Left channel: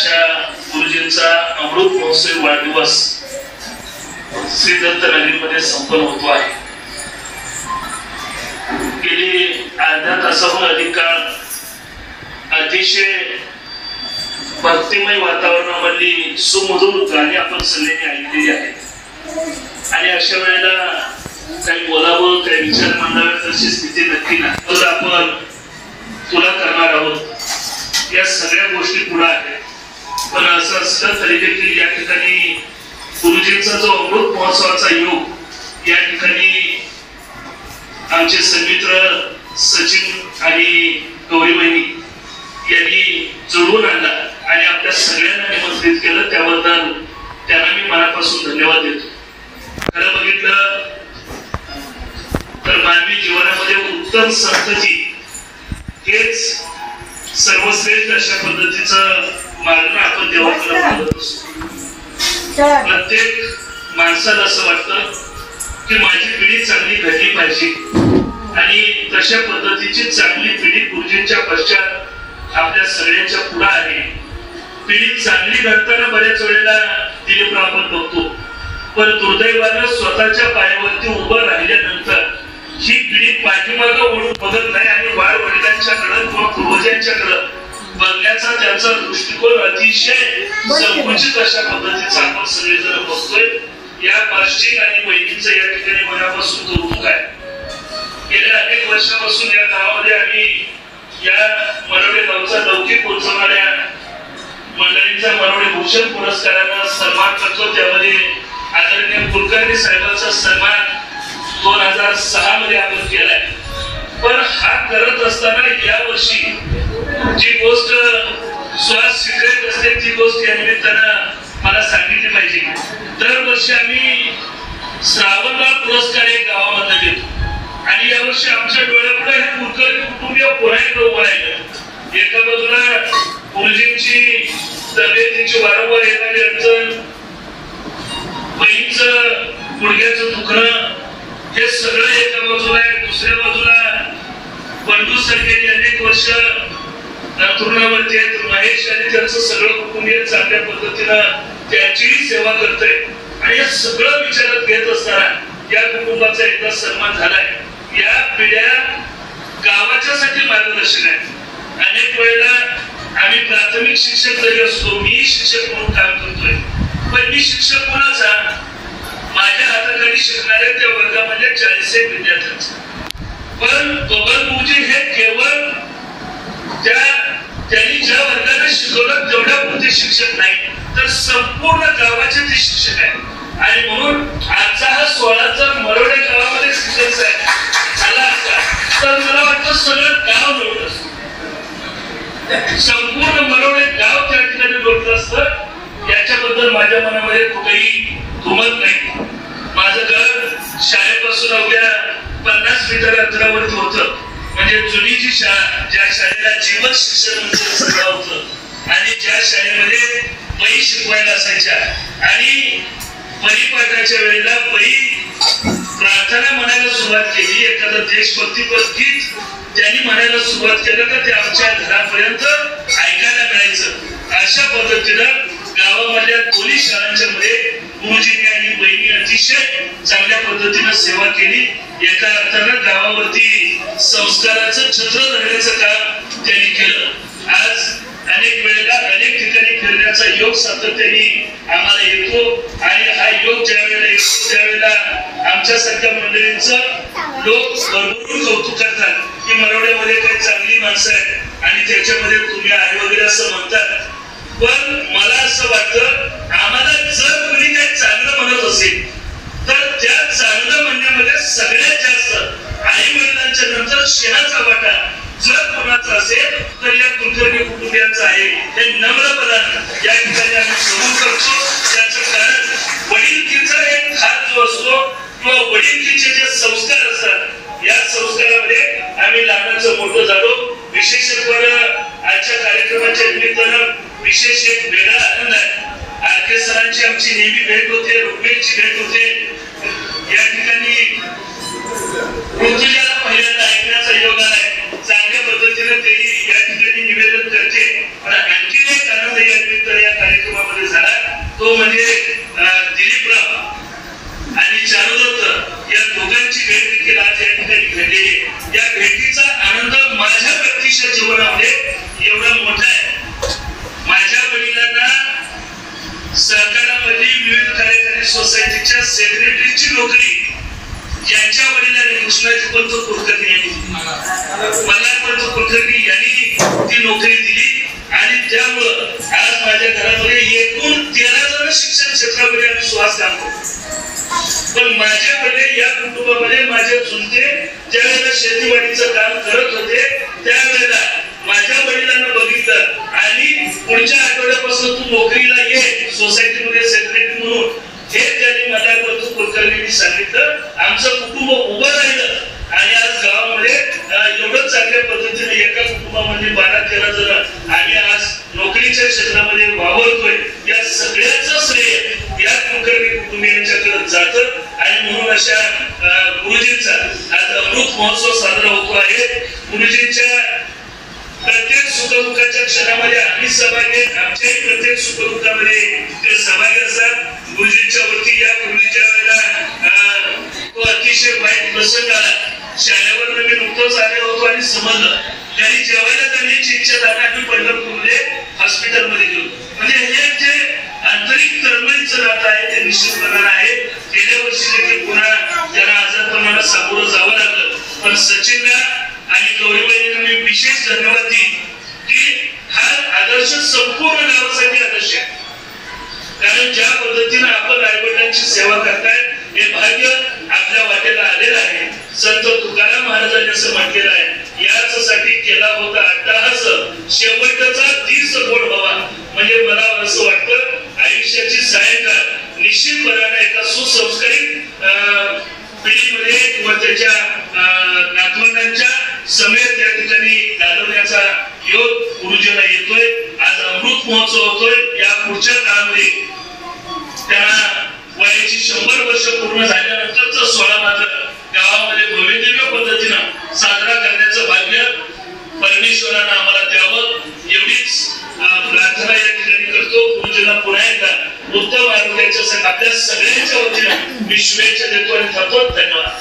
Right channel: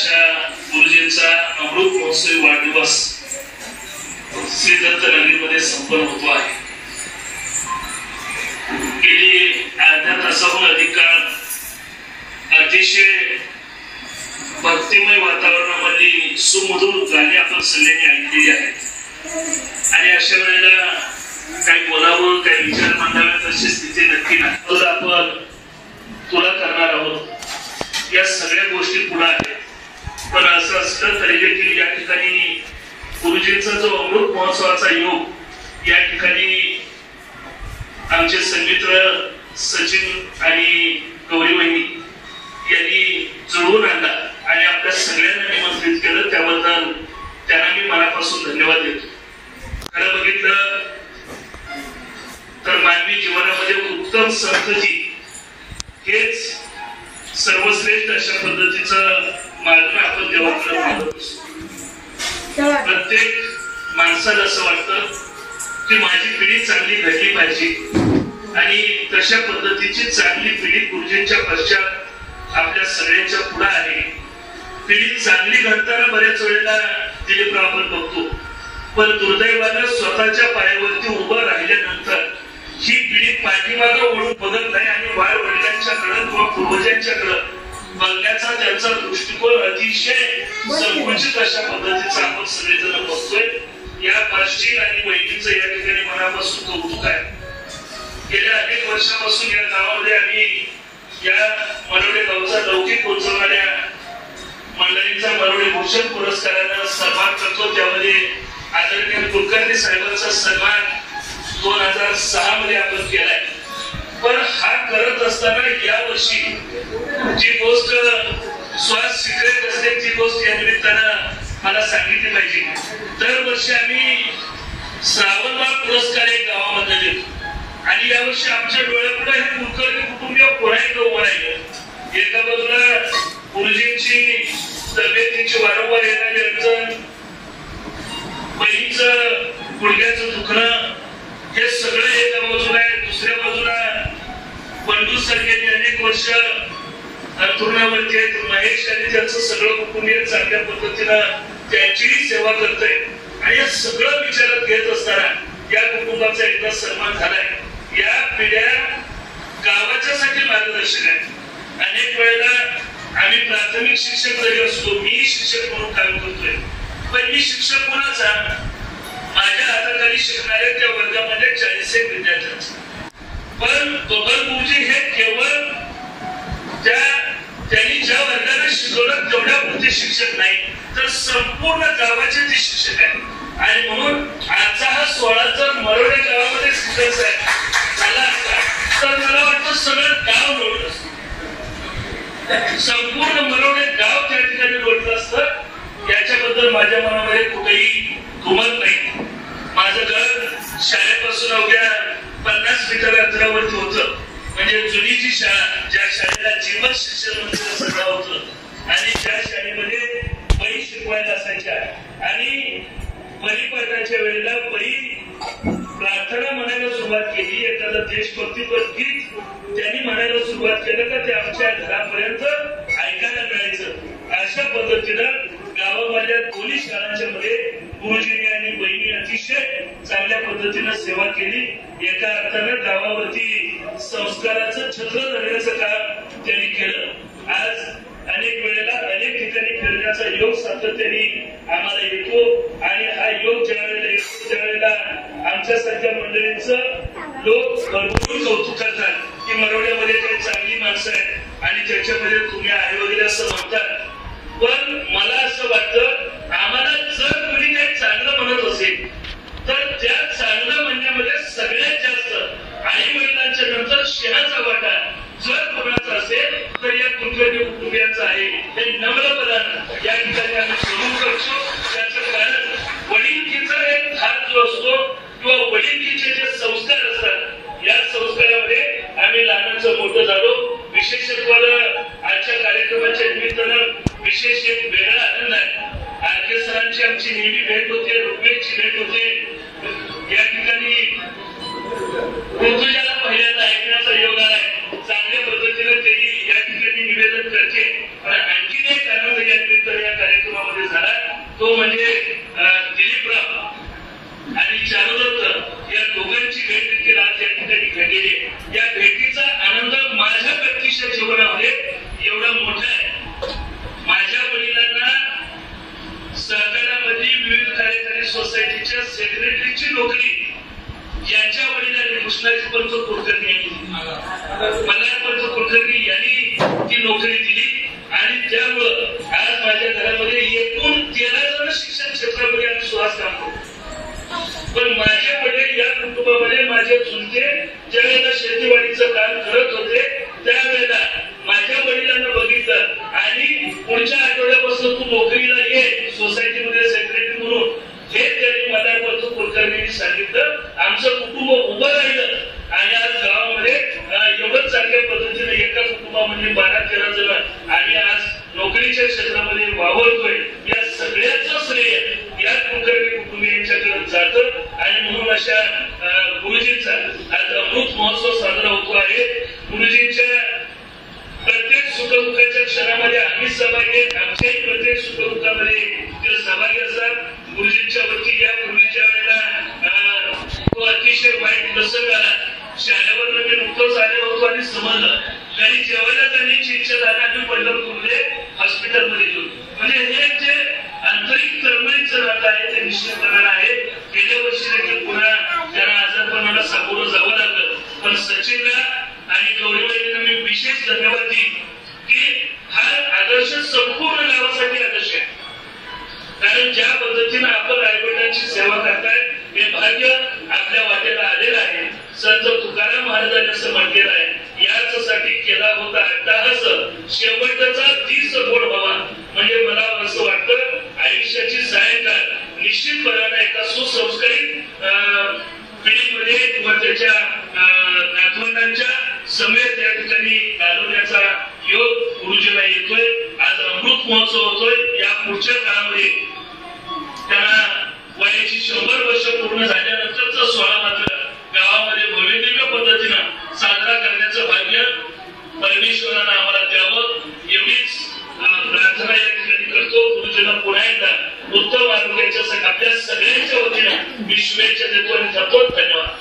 अशा गुरुजींचा अमृत महोत्सवी वाढदिवस श्री दत्त नगरीमध्ये संपन्न होतो आहे. गेली अर्ध्या तासाहून अधिक काळ अतिशय भक्तिमय वातावरणामधली सुमधुर गाणी आपण सगळ्यांनी ऐकलेली आहेत आणि अशा वेळेला काही बोलावं काही विचार मांडावे तशी स्थिती नक्की नाही. तर आपण तुला करणार आहोत या सगळ्या गोष्टी पुढे आहेत. पण असं असलं तरी देखील या ठिकाणी गुरुजींचा जो अमृत महोत्सवाचा योग या ठिकाणी आमचे सन्मित्र सचिन आणि गौरीबहिणी यांनी जुळवून आणला आणि आपल्या सगळ्यांना निमंत्रित केलं. त्याबद्दल त्यांना मी मनापासून धन्यवाद देतो. खरं बघितलं तर मानवी जीवनामध्ये उत्तम संतती हेच सर्वश्रेष्ठ अशा पद्धतीचं मागणं आपण देवाकडे मागत असतो. प्रत्येक माणसाला असं वाटतं की माझी पिढी चांगली घडली पाहिजे आणि तशा पद्धतीची चांगली पिढी गुरुजींच्या पश्चात आपल्या सगळ्यांच्या पुढे आहे. पिढी चांगली घडताना बऱ्याच वेळेला दिलीपराव आपण बघतो, पण दुर्दैवानं स्वतःच्या पायावरती उभं राहिल्यानंतर ही पिढी पाठीमागं ओढून बघत नाही आणि वडिलांच्याकडे किंवा पूर्वजांच्याकडे बघण्याचा त्यांचा दृष्टिकोन अतिशय संकुचित अशा पद्धतीचा आपण सगळेजण बघतोय. या पार्श्विक आणि बहिणींचं या ठिकाणी मनापासून कौतुक आहे. गेल्या अनेक वर्षापासून या गावामध्ये आम्ही या मनोडे गावचा लौकिक पोहोचवणाऱ्या मंडळींचा मनोडे भूषण पुरस्कारानं सन्मान करतो. त्यामध्ये आदरणीय कुलकर्णी साहेबांचा सन्मान 2006 मध्ये आपण केलाय. पण हा करत असताना या वर्षी जी गोष्ट श्वास सिक्रेट असते ती गोष्ट या निमित्तानं मला सांगितली पाहिजे. दरवर्षी आम्ही श्रावणबाळ पुरस्कार एक गावामध्ये देतो आणि यावर्षी आमच्या डोळ्यापुढे हे कुलकर्णी कुटुंबीय पुन्हा उभं राहिलं. एका बाजूला गुरुजींची तब्येतीची वारंवार येणारी अडचण, बहिणीचं गुडघ्याचं दुखणं हे सगळं एका बाजूला आहे. दुसऱ्या बाजूला बंडू सारखे अनेक वर्ष अंथरुणावरती आहेत. महेश आणि त्यांचं सगळं कुटुंबीय चांगल्या पद्धतीनं त्यांचीही सेवा करतंय आणि हे सगळं विचारात घेत असताना या कुटुंबाचा एकदा सन्मान झालाय. या पिढ्या गावाच्यासाठी मार्गदर्शन आहे. अनेक वेळेला आम्ही प्राथमिक शिक्षक जरी असतो, मी शिक्षक म्हणून काम करतोय, पण मी शिक्षक कोणाचा? माझ्या हाताखाली शिकणाऱ्या त्या वर्गामध्ये 40 विद्यार्थ्यांचा. पण बबनभाऊजी हे केवळ त्यांनी ज्या वर्गाने शिकवलं तेवढ्या पुरते शिक्षक नाही, तर संपूर्ण गावाचे ते शिक्षक आहेत. आणि म्हणून आजचा हा 16 जर मरोडे गावामध्ये शिकायचा झाला असता तर मला वाटतं सगळं गाव लोटलं असतं. संपूर्ण मरोडे गाव त्या ठिकाणी लोटलं असतं. याच्याबद्दल माझ्या मनामध्ये कुठेही दुमत नाही. माझं घर शाळेपासून अवघ्या 50 मीटर अंतरावरती होतं. म्हणजे जुनी जी शाळा, ज्या शाळेला जीवन शिक्षण मंदिर नाव होतं आणि ज्या शाळेमध्ये बाई शिकवायला असायच्या आणि परिपाठाच्या वेळेला बाई प्रार्थना म्हणायला सुरुवात केली, एखादं देशभक्तीपर गीत त्यांनी म्हणायला सुरुवात केलं तर ते आमच्या घरापर्यंत ऐकायला मिळायचं. अशा पद्धतीनं गावामधल्या दोन्ही शाळांच्या मध्ये गुरुजींनी आणि बहिणी अतिशय चांगल्या पद्धतीनं सेवा केली. एका अर्थानं गावावरती संस्काराचं छत्र धरण्याचं काम त्यांनी केलं. आज अनेक वेळेला अनेक ठिकाणी फिरण्याचा योग सातत्याने आम्हाला येतो आणि हा योग ज्या वेळेला येतो त्यावेळेला आमच्यासारख्या मंडळींचं लोक भरपूर कौतुक करतात की मरोड्यामध्ये काही चांगली माणसं आहेत आणि त्याच्यामध्ये तुम्ही आहे वगैरे असं म्हणतात. पण मला असं वाटतं आम्हाला जर तुम्ही काही चांगलं म्हणत असेल तर त्या चांगलं म्हणण्यामध्ये सगळ्यात जास्त आई वडिलांच्या नंतर शेणाचा वाटा जर कोणाचा असेल तर या कुलकर्णी कुटुंबियांचा आहे. हे नम्रपणानं या ठिकाणी आम्ही कबूल करतो. त्याचं कारण वडिलकीचा एक हात जो असतो किंवा वडिलकीचे जे संस्कार असतात या संस्कारामध्ये आम्ही लहानाचं मोठं झालो. विशेषत्वानं आजच्या कार्यक्रमाच्या निमित्तानं विशेष एक वेगळा आनंद आहे. आरके सरांची आमची नेहमी भेट होते, रुग्वेची भेट होते. या ठिकाणी ऋतुजाला पहिल्यांदा ऐकण्याचा योग आलाय. चांगल्या पद्धतीने त्यांनी या ठिकाणी निवेदन करते आणि आणखीन एक आनंद या निमित्ताने सेक्रेटरीची नोकरी यांच्या वडिलांनी कृष्णाजी पंत कुलकर्णी यांनी दिली, मल्हारपंत कुलकर्णी यांनी ती नोकरी दिली. आणि त्यामुळं आज माझ्या घरामध्ये एकूण 13 जण शिक्षण क्षेत्रामध्ये आम्ही श्वास काम करतो. पण माझ्याकडे या कुटुंबामध्ये माझे चुलते ज्यावेळेला शेतीवाडीचं काम करत होते त्यावेळेला माझ्या वडिलांना बघितलं आणि पुढच्या आठवड्यापासून तू नोकरीला ये सोसायटीमध्ये सेक्रेटरी म्हणून, हे त्यांनी मला कुलकर्णींनी सांगितलं. आमचं कुटुंब उभं राहिलं आणि आज गावामध्ये एवढं चांगल्या पद्धतीने एका कुटुंबामध्ये 12-13 जण आम्ही आज नोकरीच्या क्षेत्रामध्ये वावरतोय. या सगळ्याचं श्रेय या कुलकर्णी कुटुंबियांच्याकडे जातं. आणि म्हणून अशा गुरुजींचा आज अमृत महोत्सव साजरा होतो आहे. गुरुजींच्या प्रत्येक सुखदुःखाच्या क्षणामध्ये आम्ही सहभागी, आमच्याही प्रत्येक सुखदुःखामध्ये ते सहभागी असतात. गुरुजींच्या वरती या गुरुजीच्या वेळेला तो अतिशय वाईट प्रसंग आला. शाळेवर मी नुकतंच आले होतो आणि समजलं त्यांनी जेवायला जाण्याची इच्छा झाली. आम्ही पंढरपूरमध्ये हॉस्पिटलमध्ये गेलो. म्हणजे हे जे आंतरिक तळमळीचं नातं आहे ते निश्चितपणानं आहे. गेल्या वर्षी देखील पुन्हा त्यांना आजारपणाला सामोरं जावं लागलं. पण सचिनला आणि गौरीबाईंना मी विशेष धन्यवाद देईन की हा आदर्श संपूर्ण गावासाठी आदर्श आहे. कारण ज्या पद्धतीने आपण आईवडिलांची सेवा करताय हे भाग्य आपल्या वाटेला आलेलं आहे. संत तुकाराम महाराजांनी असं म्हटलेलं आहे, याचसाठी केला होता अट्टहास, शेवटचा दिस गोड व्हावा. म्हणजे मला असं वाटतं आयुष्याची सायंकाळ निश्चितपणाने एका सुसंस्कारित पिढीमध्ये किंवा त्याच्या नातवंडांच्या समेत या ठिकाणी घालवण्याचा योग गुरुजींना येतोय. आज अमृत महोत्सव होतोय. या पुढच्या काळामध्ये त्यांना वयाची 100 वर्ष पूर्ण झाल्यानंतरचा सोहळा मात्र गावामध्ये भव्यदिव्य पद्धतीनं साजरा करण्याचं भाग्य परमेश्वरानं आम्हाला द्यावं एवढीच प्रार्थना या ठिकाणी करतो. गुरुजींना पुन्हा एकदा उत्तम आरोग्याच्या आपल्या सगळ्यांच्या वतीनं मी शुभेच्छा देतो आणि थांबतो. धन्यवाद.